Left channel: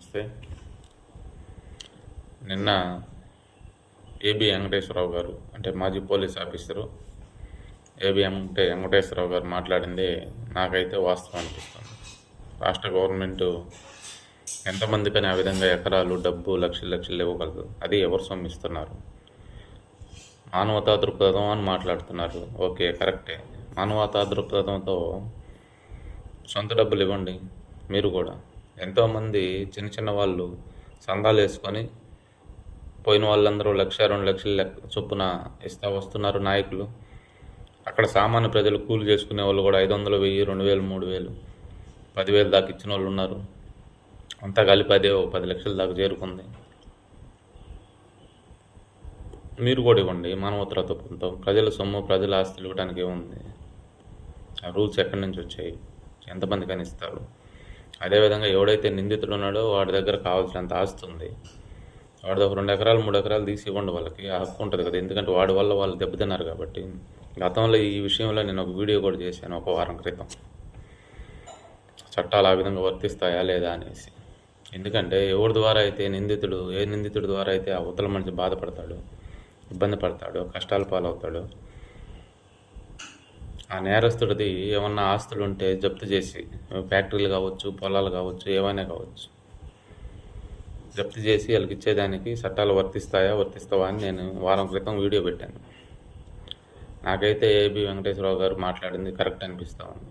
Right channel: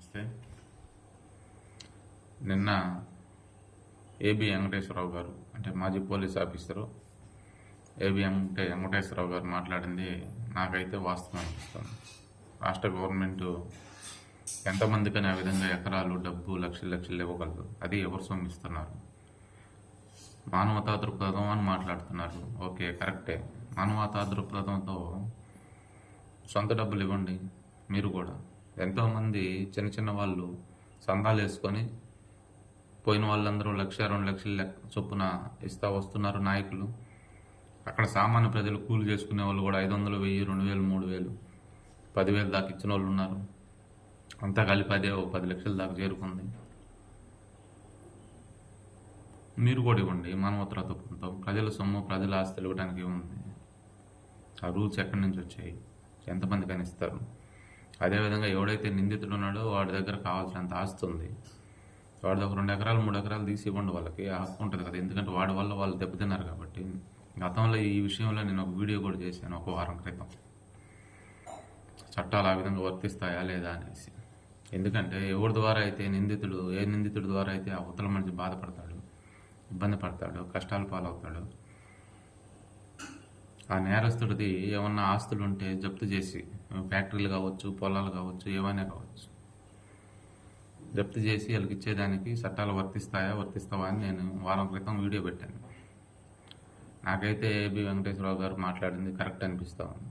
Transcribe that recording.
నమస్తే. నిన్న ఏబి వెంకటేశ్వరరావు గారు అంటే మాజీ పోలీస్ ఆఫీసరు వెంకటేశ్వరరావు గారు మాట్లాడింది నాకైతే వాస్తవం అనిపిస్తుంది. రాష్ట్ర గవర్నమెంటు ఎంతమందికని ఆ విధంగా ఎకరాలు డబ్బు లక్షలు లక్షలు ఇవ్వగలదు? అది ఎవరు సొమ్మిస్తున్నారు? మానవతా దృక్పథం అని మాట్లాడుతున్నారు. ఓకే, కరెక్టే. మానవతా దృక్పథంతో సొంత డబ్బులు ఇవ్వండి. మీరు కూడా ఎంతోమంది చిన్న చిన్న వాళ్ళు సందాలు వేసుకొని పోయిన వాళ్ళందరూ 1,00,000 2 లక్షలు చొప్పున ఇస్తా వస్తున్నారు నాయకులు. అక్కడ సామాన్య ప్రజలు కూలి చేసుకునే వాళ్ళు కూడా 500, 1000, 2000, 3000, 10,000 దాకా ఇచ్చిన వాళ్ళు ఉన్నారు. అంతా కలిపి అదే 10 లక్షల దాకా చేరుకుంది. మీరు కూడా ఇవ్వండి. మానవతా దృక్పథంతో ప్రజల సొమ్ము ప్రజల ఆస్తులు ఇవ్వడానికి ఏముంది? ఆ రూల్స్ ఎక్కడి నుంచి వచ్చాయి? ఎంతమంది కనిస్తారు? అదేవిధంగా ఎవడైతే నిందితుడు ఉన్నాడో వాడి దగ్గర కావాల్సినంత ఆస్తి ఉంది. వాడి దగ్గర 2 ఎకరాలు 3 ఎకరాలు తీసి ఇవ్వండి. వాళ్ళకి ఆ హక్కు ఉంటుంది కదా, ఎందుకంటే వాడి వల్ల వాళ్ళు దెబ్బతిన్నారు కాబట్టి. గతంలో ఈ విషయంలో నేను ఒక వీడియో కూడా చేశాను ఒక వారం క్రితం, చట్టాలు ఆ విధంగా వర్తిస్తాయా లేదా అనేసి. ఎందుకంటే ఎవరి ద్వారా అయితే ఏ నిందితుడి ద్వారా అయితే ఆ అవతల మనిషి బాధపడతాడు, ఇబ్బంది పడతాడు, కష్టాల పాలవుతాడు, ఆ నేరస్తుడిది ఏమన్నా ఆస్తులు ఉంటే జప్తు చేసి, ఫ్యాక్టరీలు కావచ్చు, పొలాలు కావచ్చు, ఏమైనా కావచ్చు, జప్తు చేసి వాళ్ళకి ఇచ్చేదానికి చట్టాలు వర్తిస్తావా అని నేను వారం క్రితం వీడియో పెట్టాను. నాకైతే ఏబి వెంకటేశ్వరరావు గారు మాట్లాడింది కరెక్ట్ అనిపిస్తూ ఉంది.